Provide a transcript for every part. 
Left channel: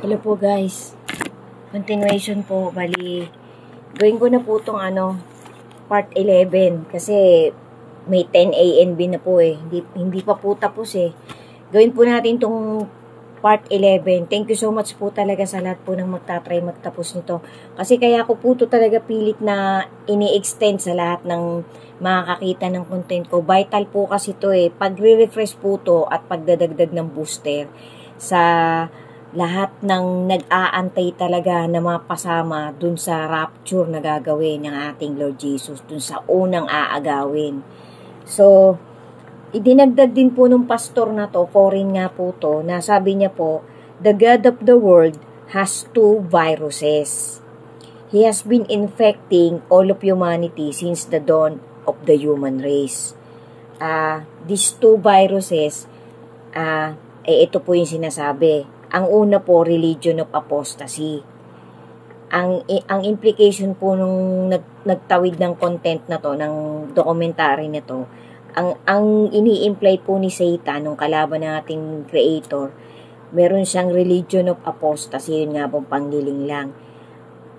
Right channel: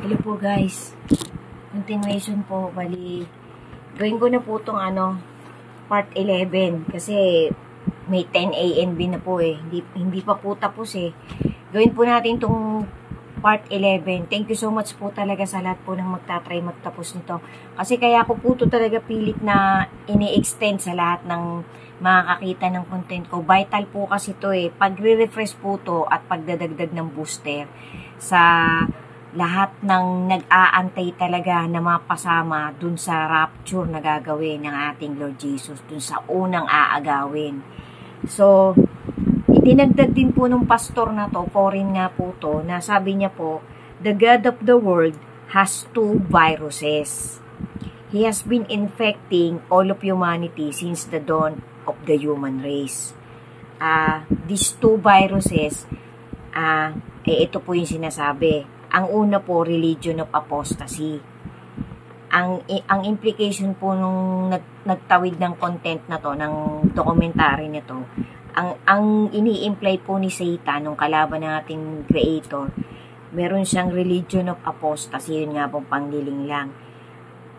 Hello po guys. Continuation po. Bali, gawin ko na po itong part 11. Kasi may 10 ANB na po eh. Hindi pa po tapos eh. Gawin po natin itong part 11. Thank you so much po talaga sa lahat po ng magtatry magtapos nito. Kasi kaya ko po ito talaga pilit na ini-extend sa lahat ng makakakita ng content ko. Vital po kasi ito eh. Pag-refresh po ito at pagdadagdag ng booster sa lahat ng nag-aantay talaga na mapasama dun sa rapture na gagawin ng ating Lord Jesus, dun sa unang aagawin. So, itinagdag din po ng pastor na to, foreign nga po to, na sabi niya po, the God of the world has two viruses. He has been infecting all of humanity since the dawn of the human race. These two viruses, ito po yung sinasabi. Ang una po, religion of apostasy. Ang implication po nung nagtawid ng content na to, ng documentary na to, ang ini-imply po ni Satan, nung kalaban ng ating creator, meron siyang religion of apostasy, yun nga pong panggiling lang.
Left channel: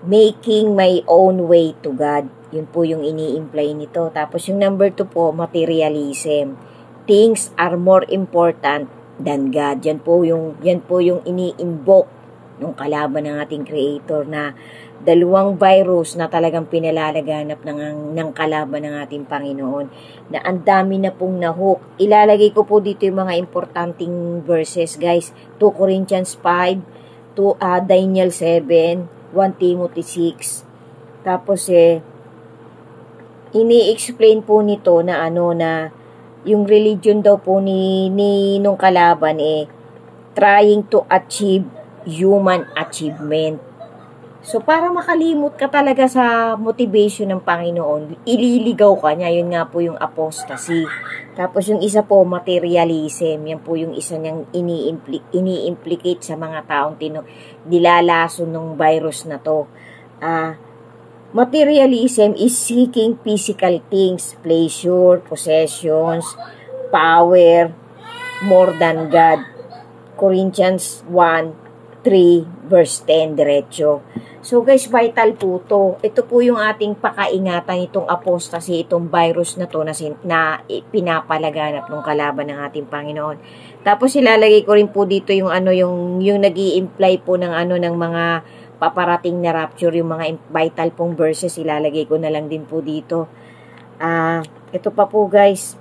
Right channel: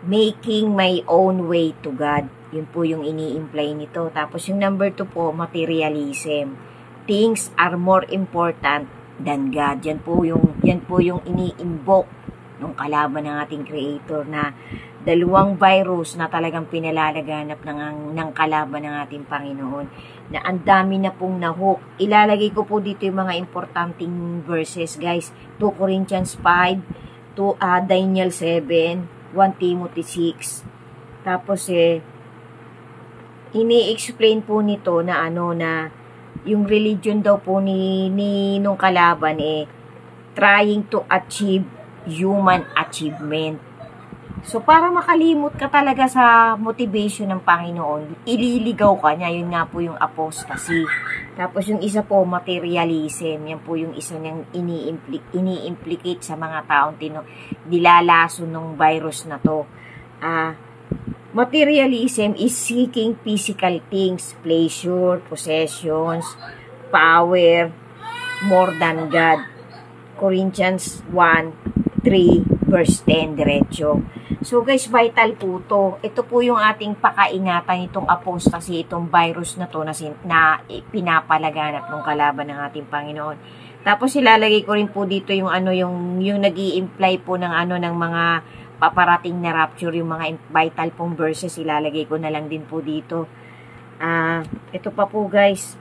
Making my own way to God. Yun po yung ini-imply nito. Tapos yung number 2 po, materialism. Things are more important than God. Yan po yung ini-invoke ng kalaban ng ating creator, na dalawang virus na talagang pinalalaganap ng kalaban ng ating Panginoon, na ang dami na pong nahook. Ilalagay ko po dito yung mga importanteng verses guys. 2 Corinthians 5, Daniel 7, 1 Timothy 6. Tapos ini-explain po nito na na yung religion daw po ni nung kalaban trying to achieve human achievement. So, para makalimot ka talaga sa motivation ng Panginoon, ililigaw ka niya. Yun nga po yung apostasy. Tapos yung isa po, materialism. Yan po yung isa niyang ini-implicate sa mga taong nilalaso ng virus na to. Materialism is seeking physical things, pleasure, possessions, power, more than God. Corinthians 1:3 verse 10, diretso. So guys, vital po to. Ito po yung ating pakaingatan, itong apostasy, itong virus na to na pinapalaganap ng kalaban ng ating Panginoon. Tapos ilalagay ko rin po dito yung yung nag-i-imply po ng ng mga paparating na rapture, yung mga vital pong verses, ilalagay ko na lang din po dito. Ito pa po guys.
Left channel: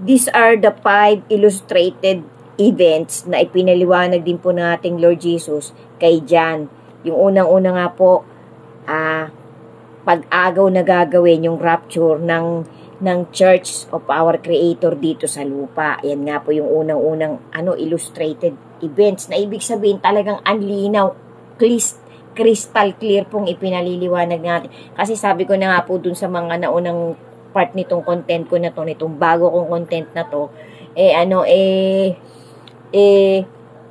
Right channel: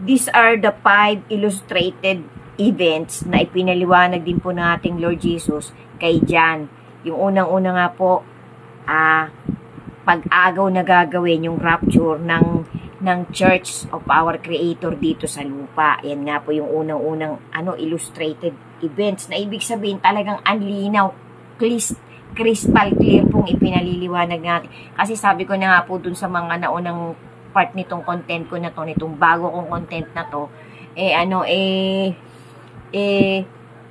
These are the 5 illustrated events na ipinaliwanag din po ng ating Lord Jesus kay John. Yung unang-una nga po, pag-agaw na gagawin yung rapture ng Church of our Creator dito sa lupa. Yan nga po yung unang-unang illustrated events, na ibig sabihin talagang anlinaw, crystal clear pong ipinaliliwanag natin. Kasi sabi ko na nga po dun sa mga naunang part nitong content ko na to, nitong bago kong content na to,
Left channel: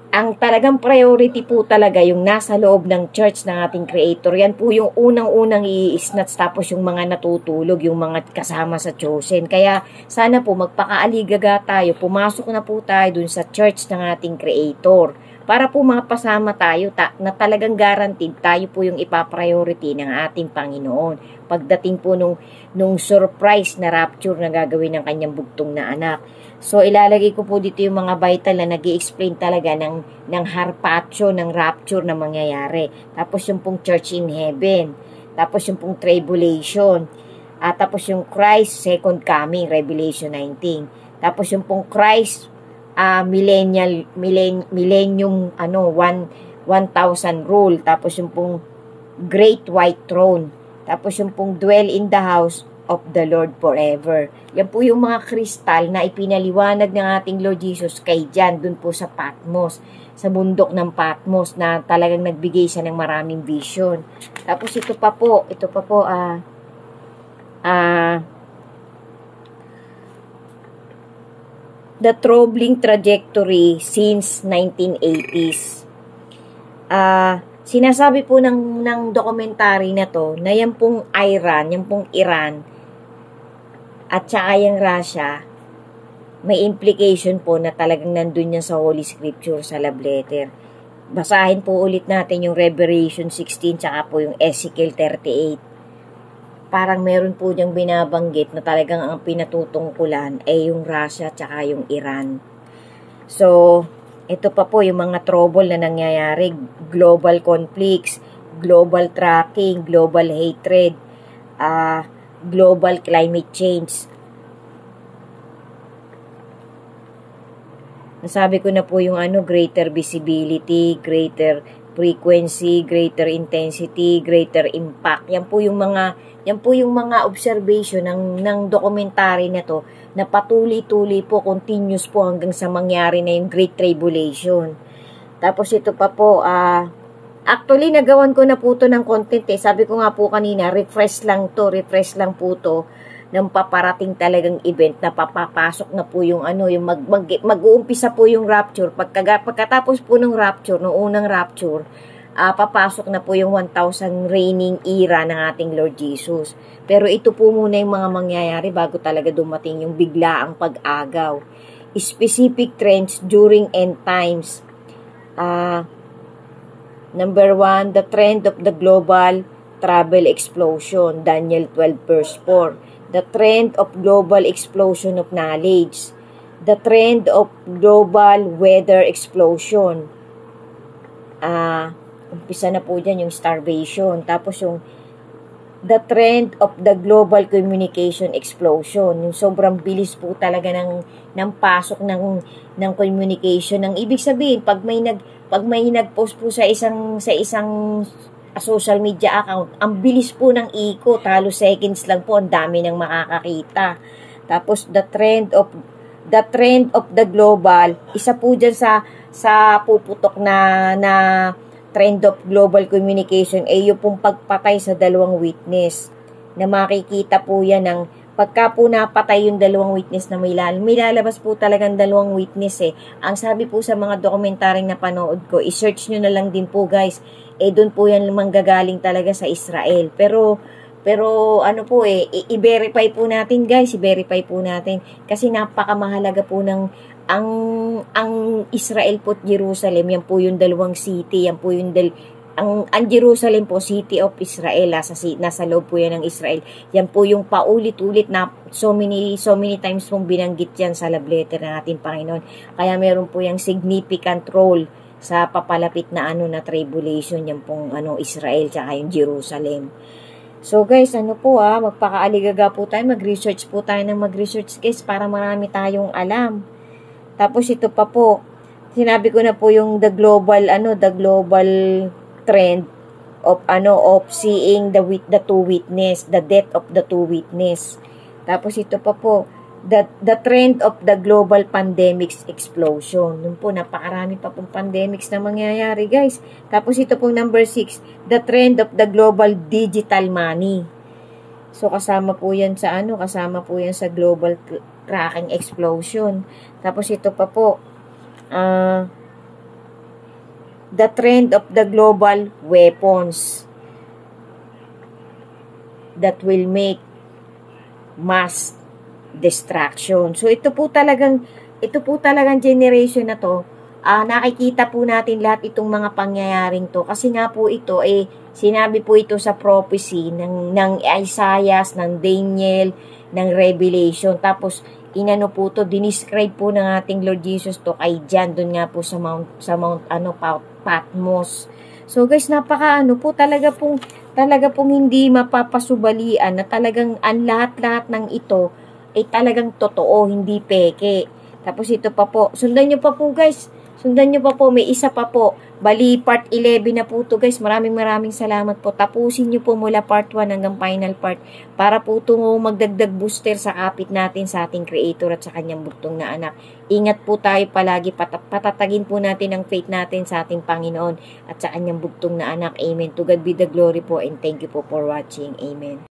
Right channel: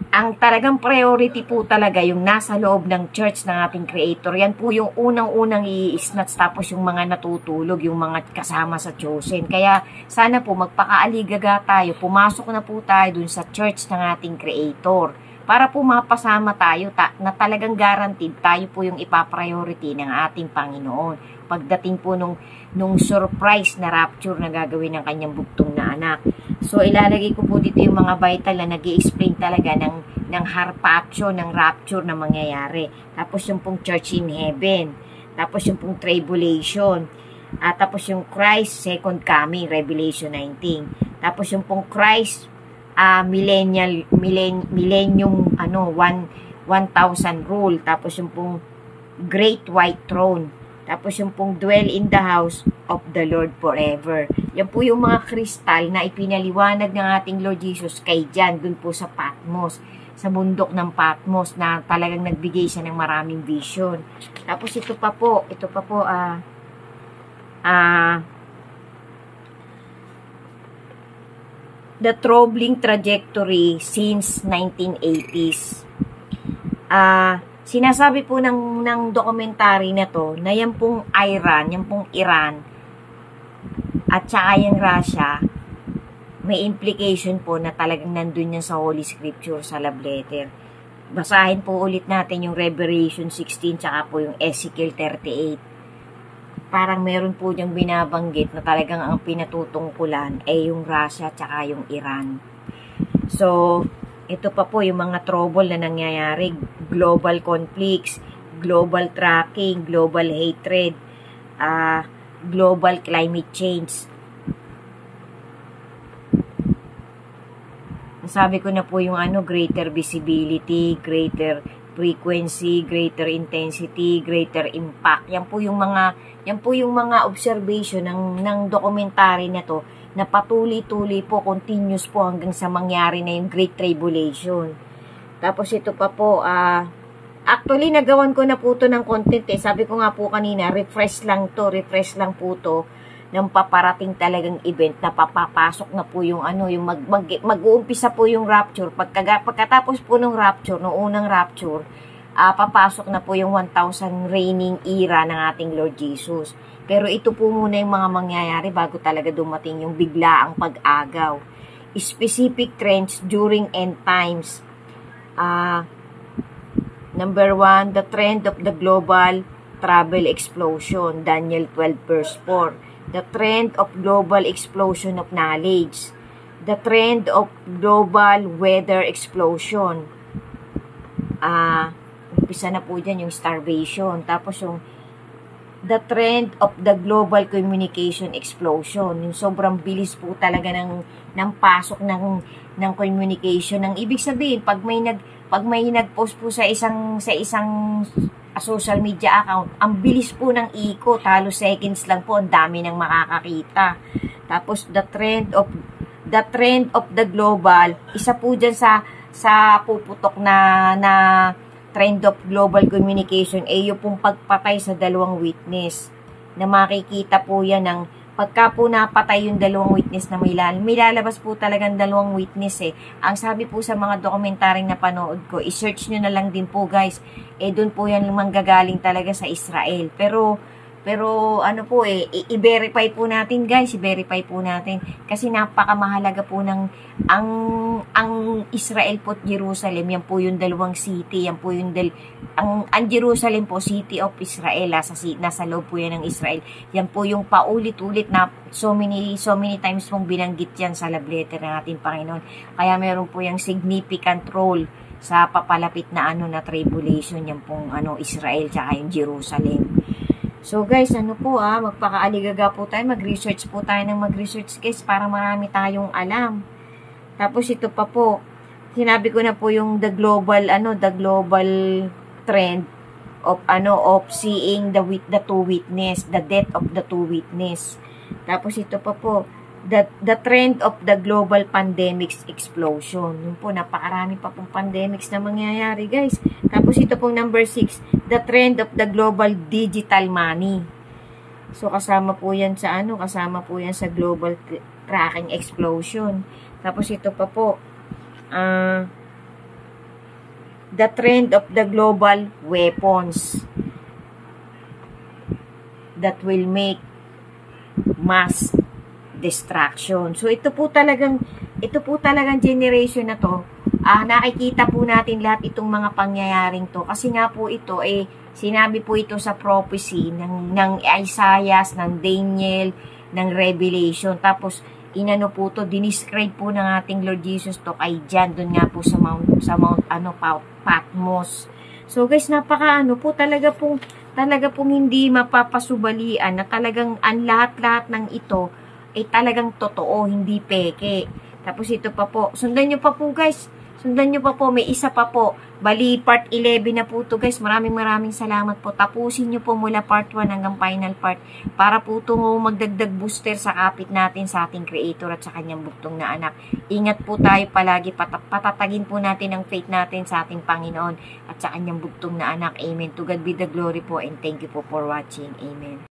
ang talagang priority po talaga yung nasa loob ng church ng ating creator. Yan po yung unang-unang i-snatch, tapos yung mga natutulog, yung mga kasama sa chosen. Kaya sana po magpakaaligaga tayo, pumasok na po tayo dun sa church ng ating creator, para po mapasama tayo na talagang guaranteed tayo po yung ipapriority ng ating Panginoon pagdating po nung surprise na rapture na gagawin ng kanyang bugtong na anak. So ilalagay ko po dito yung mga vital na nag-i-explain talaga ng harpatio, ng rapture na mangyayari. Tapos yung pong church in heaven. Tapos yung pong tribulation. Tapos yung Christ second coming, Revelation 19. Tapos yung pong Christ millennium 1,000 rule. Tapos yung pong great white throne. Tapos yung pong dwell in the house of the Lord forever. Yan po yung mga kristal na ipinaliwanag ng ating Lord Jesus kay John dun po sa Patmos, sa bundok ng Patmos, na talagang nagbigay siya ng maraming vision. Tapos ito pa po the troubling trajectory since 1980s. Sinasabi po ng documentary na to, na yan pong Iran at saka yung Russia, may implication po na talagang nandun yan sa Holy Scripture, sa love letter. Basahin po ulit natin yung Revelation 16 tsaka po yung Ezekiel 38. Parang meron po diyang binabanggit na talagang ang pinatutungkulan ay yung Russia tsaka yung Iran. So, ito pa po yung mga trouble na nangyayari, global conflicts, global tracking, global hatred, global climate change. Nasabi ko na po yung greater visibility, greater frequency, greater intensity, greater impact. Yan po yung mga observation ng documentary na to na patuloy-tuloy po, continuous po hanggang sa mangyari na yung Great Tribulation. Tapos ito pa po, actually nagawan ko na po to ng content Sabi ko nga po kanina, refresh lang po to ng paparating talagang event na papapasok na po yung mag-uumpisa po yung rapture. Pagkatapos po ng rapture, ng unang rapture, papasok na po yung 1,000 reigning era ng ating Lord Jesus. Pero ito po muna yung mga mangyayari bago talaga dumating yung biglaang pag-agaw. Specific trends during end times. Number 1, the trend of the global travel explosion, Daniel 12 verse 4. The trend of global explosion of knowledge. The trend of global weather explosion. Umpisa na po dyan yung starvation. Tapos yung the trend of the global communication explosion. Yung sobrang bilis po talaga ng pasok ng communication. Ang ibig sabihin, pag may nag-post po sa isang social media account, ang bilis po ng ikot, halos seconds lang po, ang dami nang makakakita. Tapos the trend of the global, isa po dyan sa puputok na trend of global communication ay yung pong pagpatay sa dalawang witness, na makikita po yan ng pagka po napatay yung dalawang witness na may lalabas po talagang dalawang witness Ang sabi po sa mga dokumentaryong napanood ko, i-search nyo na lang din po guys. Doon po yan manggagaling talaga sa Israel. Pero i-verify po natin guys, i-verify po natin. Kasi napakamahalaga po ang Israel po at Jerusalem, yan po yung dalawang city, yan po yung ang Jerusalem po, city of Israel, nasa loob po yan ng Israel. Yan po yung paulit-ulit na so many times pong binanggit yan sa love letter ng ating Panginoon. Kaya meron po yung significant role sa papalapit na tribulation, yan pong Israel tsaka yung Jerusalem. So guys, magpakaaligaga po tayo, mag-research po tayo ng mag-research guys para marami tayong alam. Tapos ito pa po, sinabi ko na po yung the global trend of seeing the two witness, the death of the two witness. Tapos ito pa po, the trend of the global pandemics explosion. Yun po, napakarami pa pong pandemics na mangyayari guys. Tapos ito pong number 6, the trend of the global digital money. So kasama po yan sa global tracking explosion. Tapos ito pa po, the trend of the global weapons that will make mass destruction. So ito po talagang generation na to, nakikita po natin lahat itong mga pangyayaring to kasi nga po ito sinabi po ito sa prophecy ng Isaiah, ng Daniel, ng Revelation. Tapos po to, dinescribe po ng ating Lord Jesus to kay John, doon nga po sa Mount Patmos. So guys, talaga pong hindi mapapasubalian na talagang ang lahat-lahat ng ito ay talagang totoo, hindi peke. Tapos ito pa po, sundan nyo pa po guys, may isa pa po. Bali, part 11 na po to guys. Maraming salamat po. Tapusin nyo po mula part 1 hanggang final part para po ito magdagdag booster sa kapit natin sa ating Creator at sa kanyang bugtong na anak. Ingat po tayo palagi. Patatagin po natin ang faith natin sa ating Panginoon at sa kanyang bugtong na anak. Amen. To God be the glory po and thank you po for watching. Amen.